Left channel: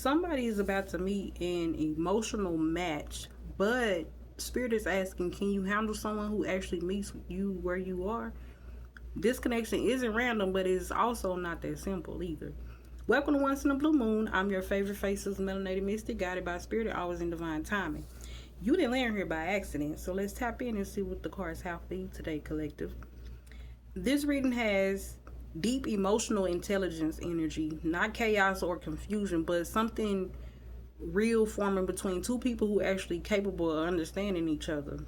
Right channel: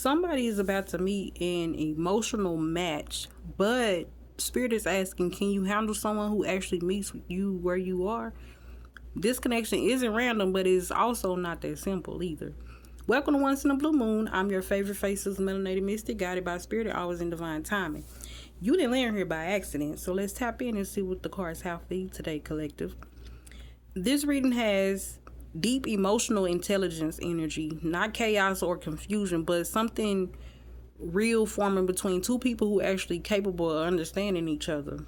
Somebody is about to meet an emotional match, but Spirit is asking, can you handle someone who actually meets you where you are? This connection isn't random, but it's also not that simple either. Welcome to Once in a Blue Moon. I'm your favorite faceless melanated mystic, guided by Spirit, always in divine timing. You didn't land here by accident, so let's tap in and see what the cards have for you today, collective. This reading has deep emotional intelligence energy, not chaos or confusion, but something real forming between two people who are actually capable of understanding each other.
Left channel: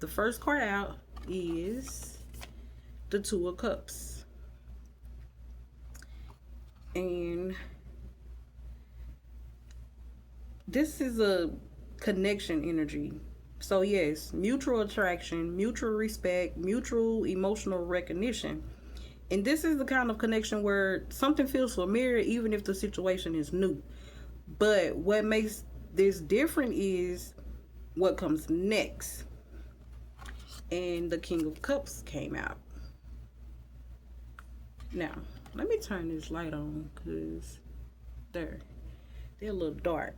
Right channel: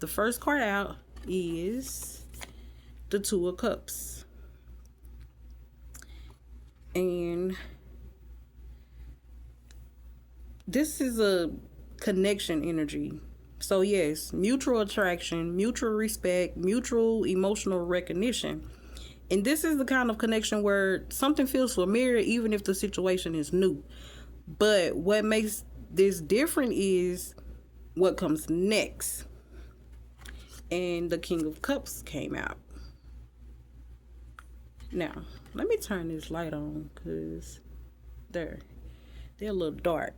The first card out is the Two of Cups. And this is a connection energy. So yes, mutual attraction, mutual respect, mutual emotional recognition. And this is the kind of connection where something feels familiar even if the situation is new. But what makes this different is what comes next. And the King of Cups came out. Now, let me turn this light on because they're a little dark.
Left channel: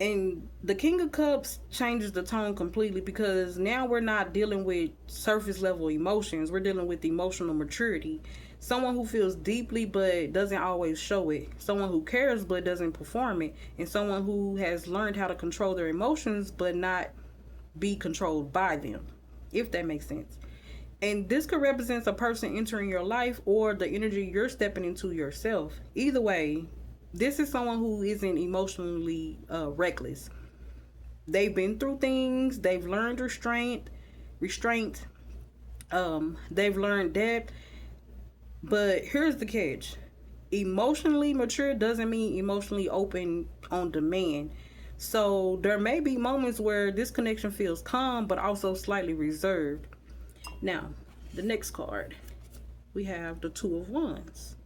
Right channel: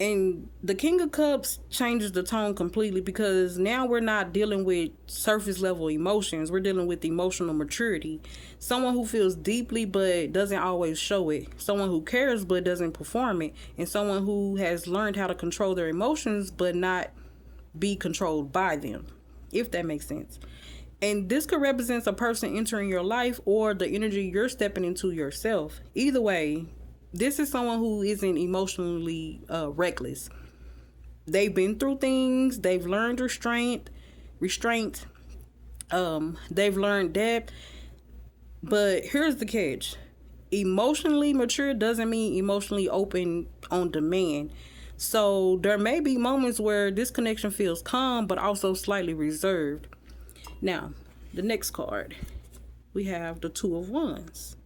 And the King of Cups changes the tone completely because now we're not dealing with surface level emotions. We're dealing with emotional maturity. Someone who feels deeply but doesn't always show it. Someone who cares but doesn't perform it. And someone who has learned how to control their emotions but not be controlled by them, if that makes sense. And this could represent a person entering your life or the energy you're stepping into yourself. Either way, this is someone who isn't emotionally reckless. They've been through things. They've learned restraint. They've learned depth. But here's the catch. Emotionally mature doesn't mean emotionally open on demand. So there may be moments where this connection feels calm, but also slightly reserved. Now, the next card, we have the Two of Wands.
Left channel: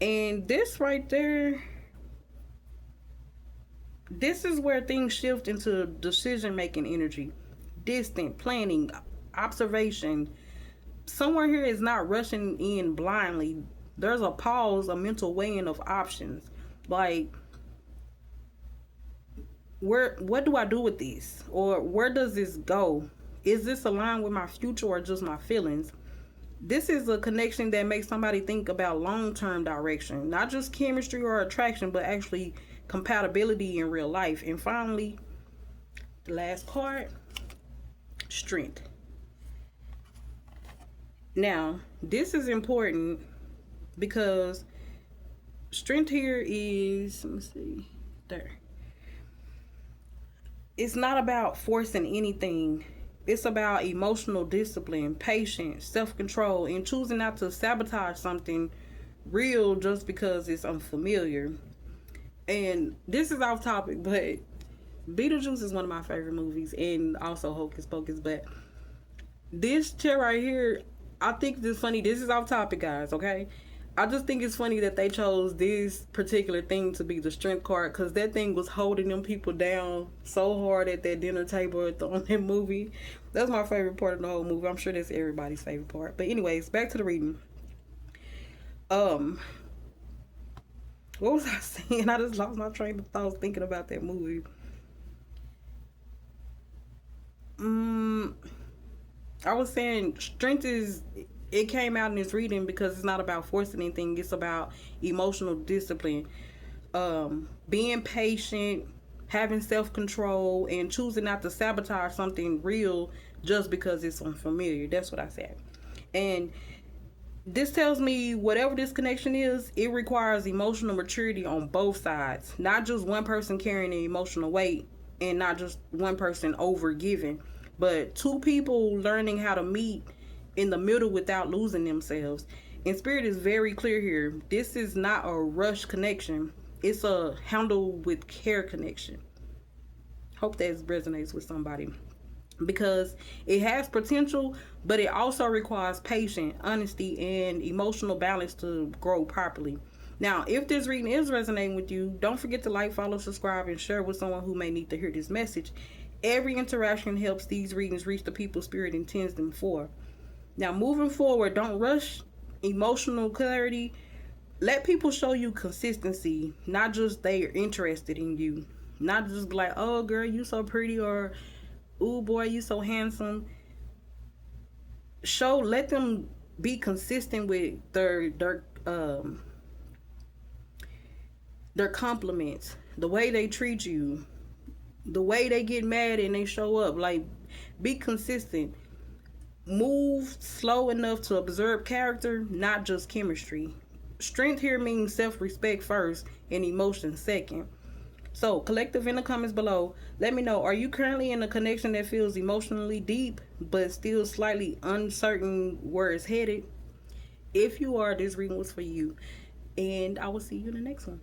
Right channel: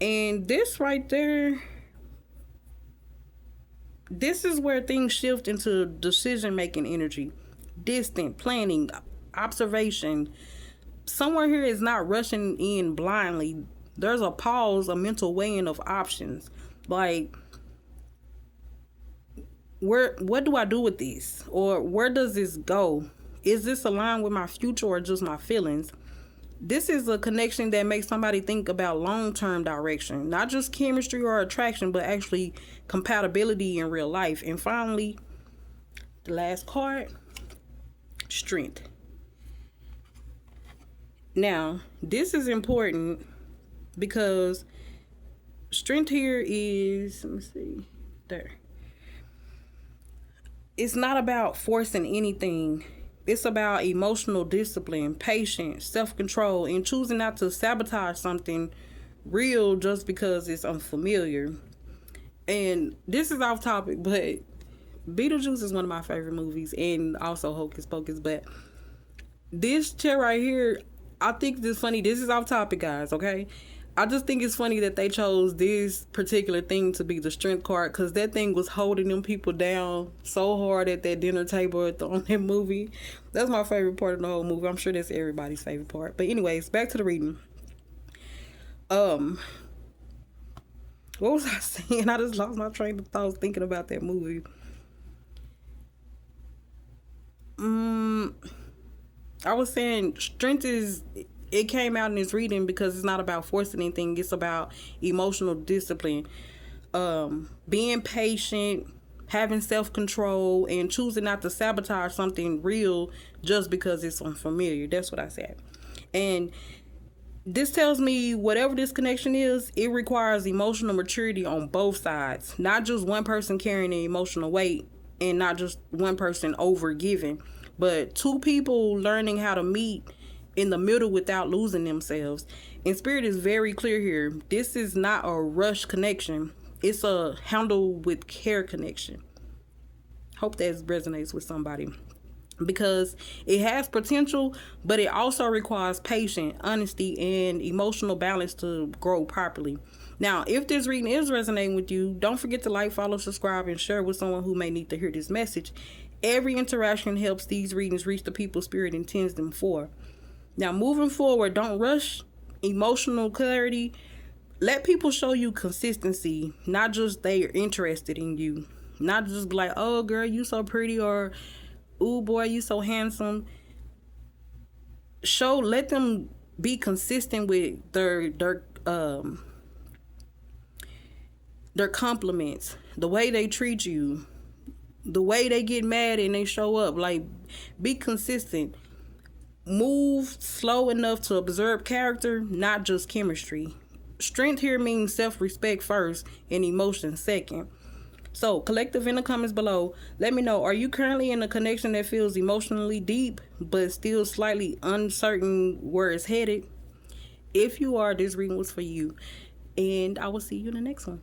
And this right there, this is where things shift into decision-making energy. Distant, planning, observation. Someone here is not rushing in blindly. There's a pause, a mental weighing of options. Like, what do I do with this? Or where does this go? Is this aligned with my future or just my feelings? This is a connection that makes somebody think about long-term direction, not just chemistry or attraction, but actually compatibility in real life. And finally, the last card, strength. Now, this is important because strength here is, let me see, there. It's not about forcing anything. It's about emotional discipline, patience, self-control, and choosing not to sabotage something real just because it's unfamiliar. And this is off topic, but Beetlejuice is one of my favorite movies, and also Hocus Pocus. But this chair right here, I think this is funny. This is off topic, guys, okay? I just think it's funny that they chose this particular thing to be the strength card because that thing was holding them people down so hard at that dinner table on that movie. That's my favorite part of the whole movie. I'm sure that's everybody's favorite part. But anyways, back to the reading. What was I saying? I just lost my train of thoughts thinking about that movie. I was saying strength is, it came out in this reading because it's not about forcing anything. It's about emotional discipline, being patient, having self-control, and choosing not to sabotage something real just because it's unfamiliar. That's what I said. And this tells me whatever this connection is, it requires emotional maturity on both sides. Not just one person carrying the emotional weight and not just one person over giving, but two people learning how to meet in the middle without losing themselves. And Spirit is very clear here. This is not a rush connection. It's a handle with care connection. Hope that resonates with somebody. Because it has potential, but it also requires patience, honesty, and emotional balance to grow properly. Now, if this reading is resonating with you, don't forget to like, follow, subscribe, and share with someone who may need to hear this message. Every interaction helps these readings reach the people Spirit intends them for. Now, moving forward, don't rush emotional clarity. Let people show you consistency, not just they're interested in you. Not just be like, oh girl, you so pretty, or ooh boy, you so handsome. Let them be consistent with their compliments, the way they treat you, the way they get mad and they show up. Like, be consistent. Move slow enough to observe character, not just chemistry. Strength here means self-respect first and emotion second. So, collective in the comments below, let me know, are you currently in a connection that feels emotionally deep but still slightly uncertain where it's headed? If you are, this reading was for you. And I will see you in the next one.